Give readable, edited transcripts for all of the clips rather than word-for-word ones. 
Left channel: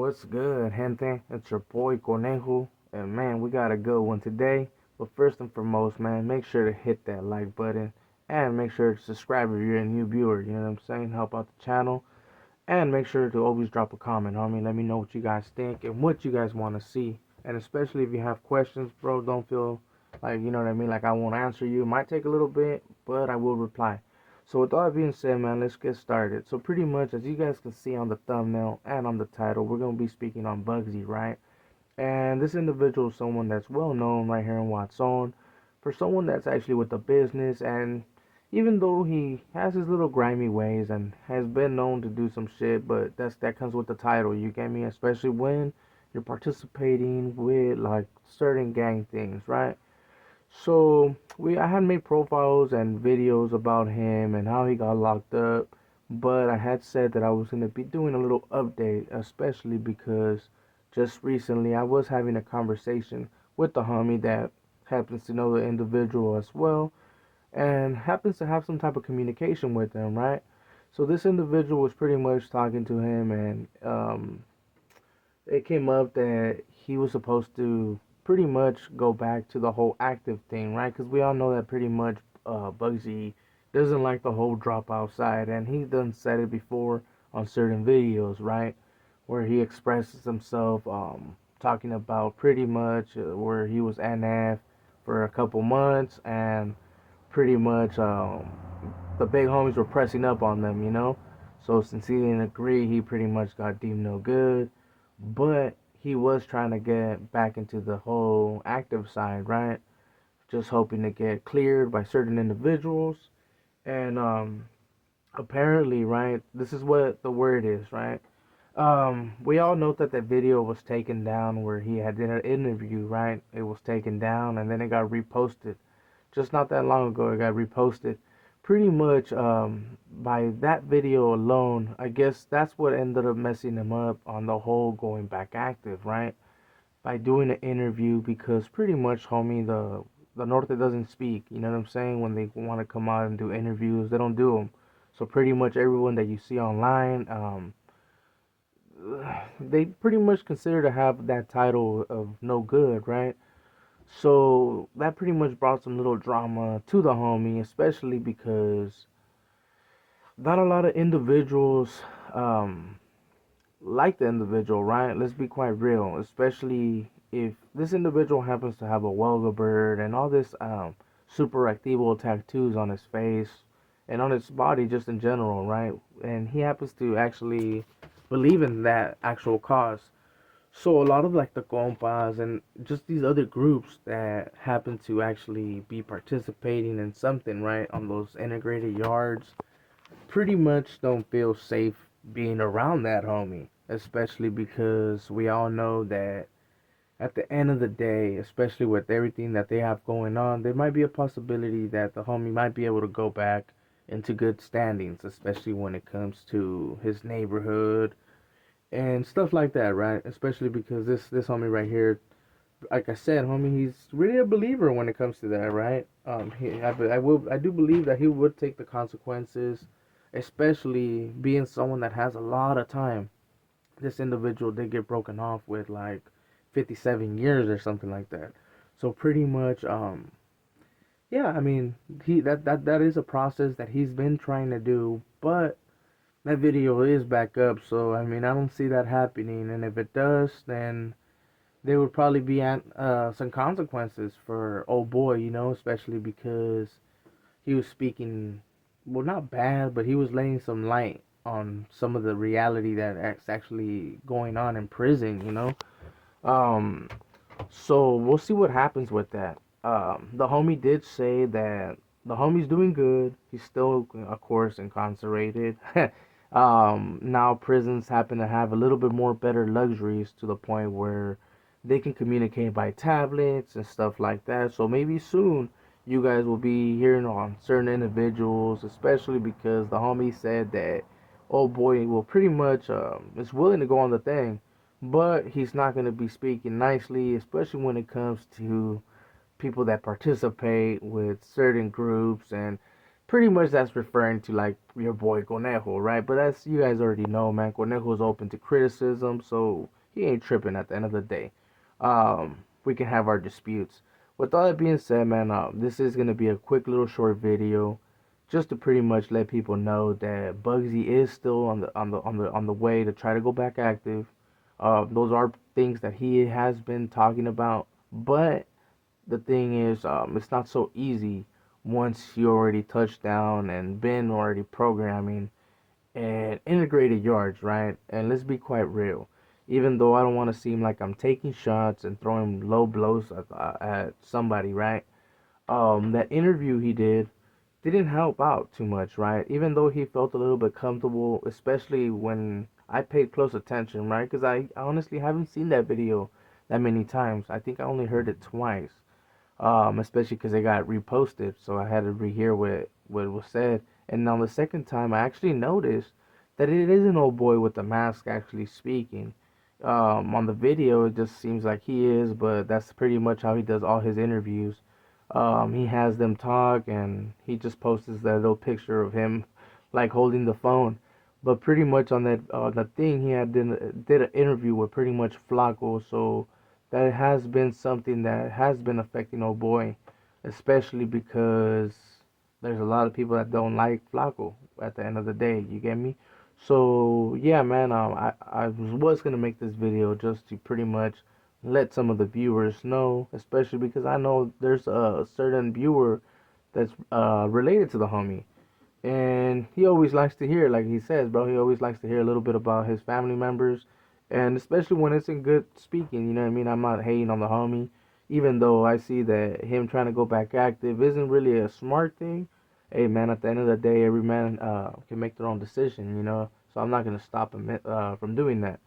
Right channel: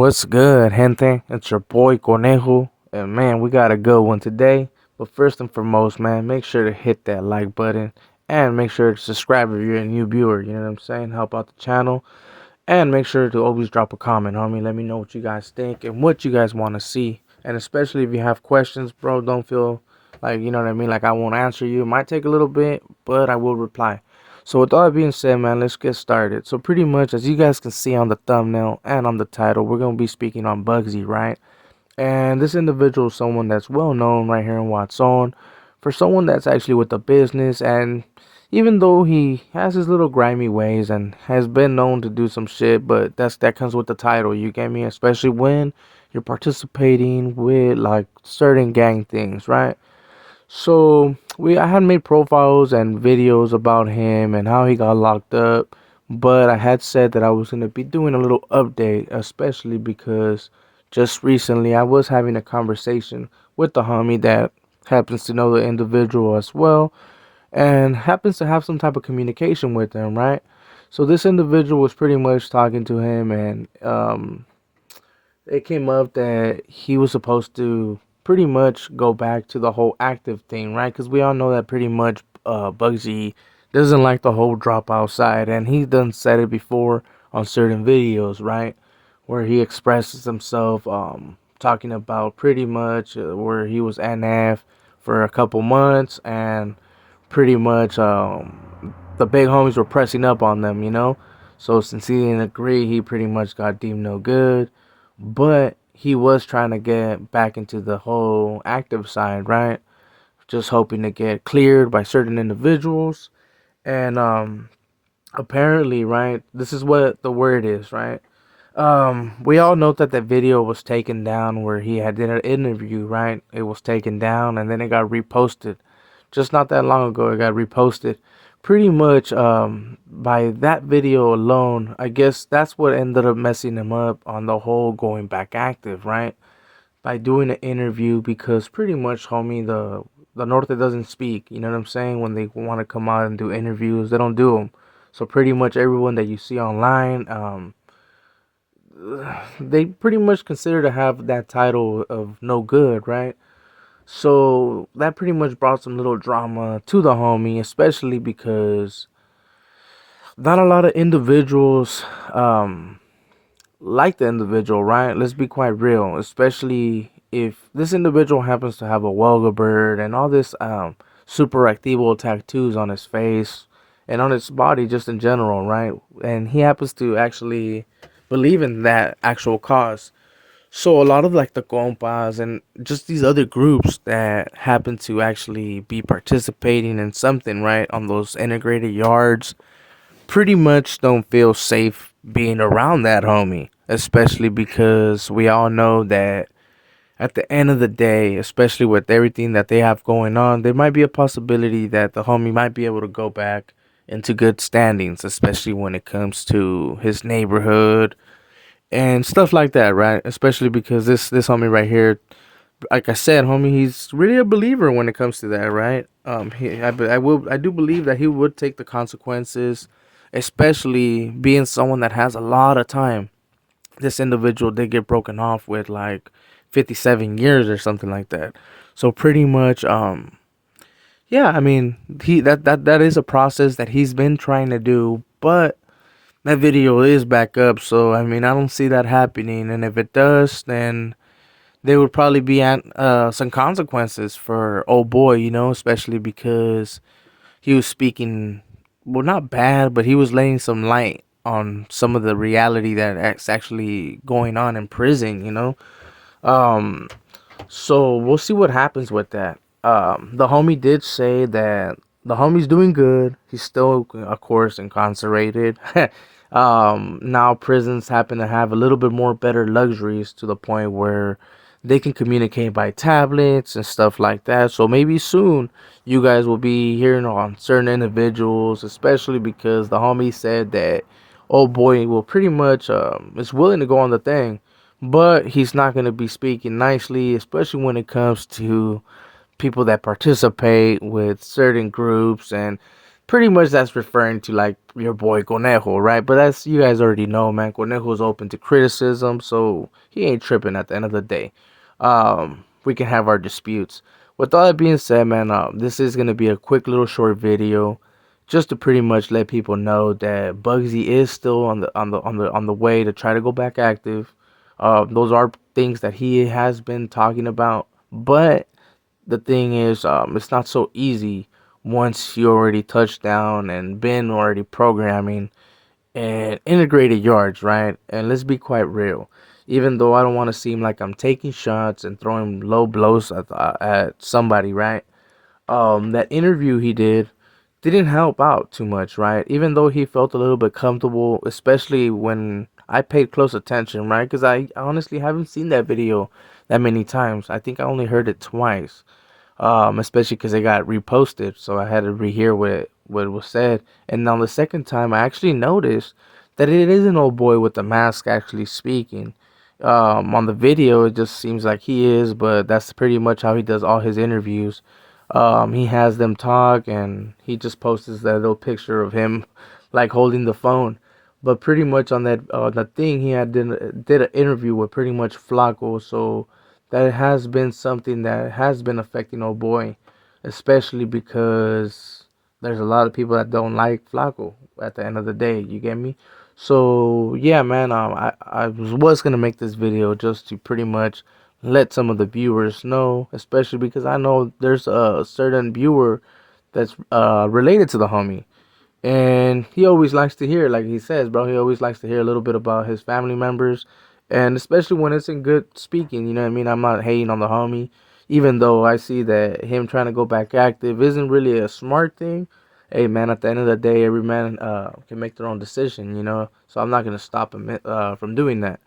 What's good, gente? It's your boy Conejo, and man, we got a good one today. But first and foremost, man, make sure to hit that like button and make sure to subscribe if you're a new viewer. You know what I'm saying? Help out the channel, and make sure to always drop a comment, homie. Let me know what you guys think and what you guys want to see. And especially if you have questions, bro, don't feel like you know what I mean. Like I won't answer you. It might take a little bit, but I will reply. So with all that being said, man, let's get started. So pretty much, as you guys can see on the thumbnail and on the title, we're gonna be speaking on Bugsy, right? And this individual is someone that's well known right here in Watson, for someone that's actually with the business. And even though he has his little grimy ways and has been known to do some shit, but that comes with the title. You get me? Especially when you're participating with like certain gang things, right? So I had made profiles and videos about him and how he got locked up, but I had said that I was gonna be doing a little update, especially because just recently I was having a conversation with the homie that happens to know the individual as well and happens to have some type of communication with him, right? So this individual was pretty much talking to him, and it came up that he was supposed to pretty much go back to the whole active thing, right? Because we all know that pretty much Bugsy doesn't like the whole drop outside, and he's done said it before on certain videos, right? Where he expresses himself, talking about pretty much where he was NF for a couple months, and pretty much the big homies were pressing up on them, you know? So since he didn't agree, he pretty much got deemed no good, but he was trying to get back into the whole active side, right? Just hoping to get cleared by certain individuals. And apparently, right, this is what the word is, right? We all know that that video was taken down where he had did an interview, right? It was taken down and then it got reposted. Just not that long ago, it got reposted. Pretty much, by that video alone, I guess that's what ended up messing him up on the whole going back active, right? By doing an interview, because pretty much, homie, the Norte doesn't speak. You know what I'm saying? When they want to come out and do interviews, they don't do them. So pretty much everyone that you see online, they pretty much consider to have that title of no good, right? So that pretty much brought some little drama to the homie, especially because not a lot of individuals like the individual, right? Let's be quite real, especially if this individual happens to have a welga bird and all this super activo tattoos on his face and on his body just in general, right? And he happens to actually believe in that actual cause. So a lot of like the compas and just these other groups that happen to actually be participating in something, right, on those integrated yards pretty much don't feel safe being around that homie, especially because we all know that at the end of the day, especially with everything that they have going on, there might be a possibility that the homie might be able to go back into good standings, especially when it comes to his neighborhood and stuff like that, right? Especially because this homie right here, like I said, homie, he's really a believer when it comes to that, right? I do believe that he would take the consequences, especially being someone that has a lot of time. This individual did get broken off with like 57 years or something like that. So pretty much, yeah, I mean, that is a process that he's been trying to do, but that video is back up. So I mean, I don't see that happening, and if it does, then there would probably be some consequences for old boy, you know, especially because he was speaking, well, not bad, but he was laying some light on some of the reality that's actually going on in prison, you know. Um, so we'll see what happens with that. The homie did say that the homie's doing good. He's still, of course, incarcerated. Now prisons happen to have a little bit more better luxuries to the point where they can communicate by tablets and stuff like that. So maybe soon you guys will be hearing on certain individuals, especially because the homie said that old boy will pretty much is willing to go on the thing, but he's not going to be speaking nicely, especially when it comes to people that participate with certain groups and pretty much that's referring to like your boy Conejo, right? But that's, you guys already know, man. Conejo's open to criticism, so he ain't tripping at the end of the day. We can have our disputes. With all that being said, man, this is gonna be a quick little short video, just to pretty much let people know that Bugsy is still on the way to try to go back active. Those are things that he has been talking about, but the thing is, it's not so easy once you already touched down and been already programming and integrated yards, right? And let's be quite real. Even though I don't want to seem like I'm taking shots and throwing low blows at somebody, right? That interview he didn't help out too much, right? Even though he felt a little bit comfortable, especially when I paid close attention, right? Because I honestly haven't seen that video that many times. I think I only heard it twice, especially because it got reposted, so I had to rehear what was said. And on the second time, I actually noticed that it is an old boy with the mask actually speaking. On the video, it just seems like he is, but that's pretty much how he does all his interviews. He has them talk, and he just posts that little picture of him, like holding the phone. But pretty much on that thing, he did an interview with pretty much Flacco, so that has been something that has been affecting old boy, especially because there's a lot of people that don't like Flacco at the end of the day. You get me? So yeah, man. I was gonna make this video just to pretty much let some of the viewers know, especially because I know there's a certain viewer that's related to the homie. And he always likes to hear, like he says, bro, he always likes to hear a little bit about his family members. And especially when it's in good speaking, you know what I mean? I'm not hating on the homie, even though I see that him trying to go back active isn't really a smart thing. Hey, man, at the end of the day, every man can make their own decision, you know? So I'm not going to stop him from doing that.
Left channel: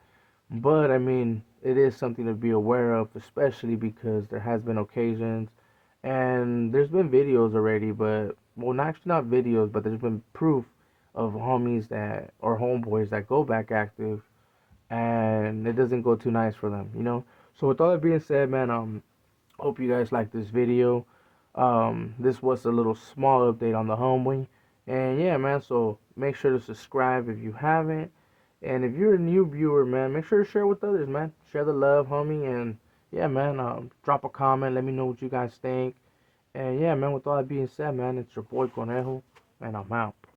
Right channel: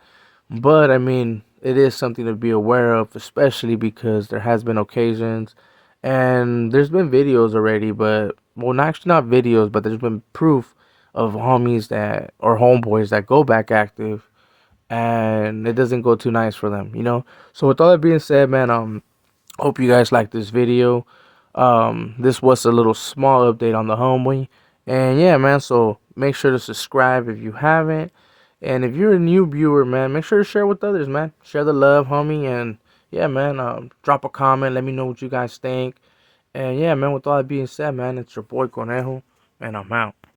But I mean, it is something to be aware of, especially because there has been occasions, and there's been videos already, but well, not actually not videos, but there's been proof of homies that or homeboys that go back active, and it doesn't go too nice for them, you know. So with all that being said, man, hope you guys like this video. This was a little small update on the homeboy, and yeah, man. So make sure to subscribe if you haven't. And if you're a new viewer, man, make sure to share with others, man. Share the love, homie. And yeah, man, drop a comment. Let me know what you guys think. And yeah, man, with all that being said, man, it's your boy Conejo, and I'm out.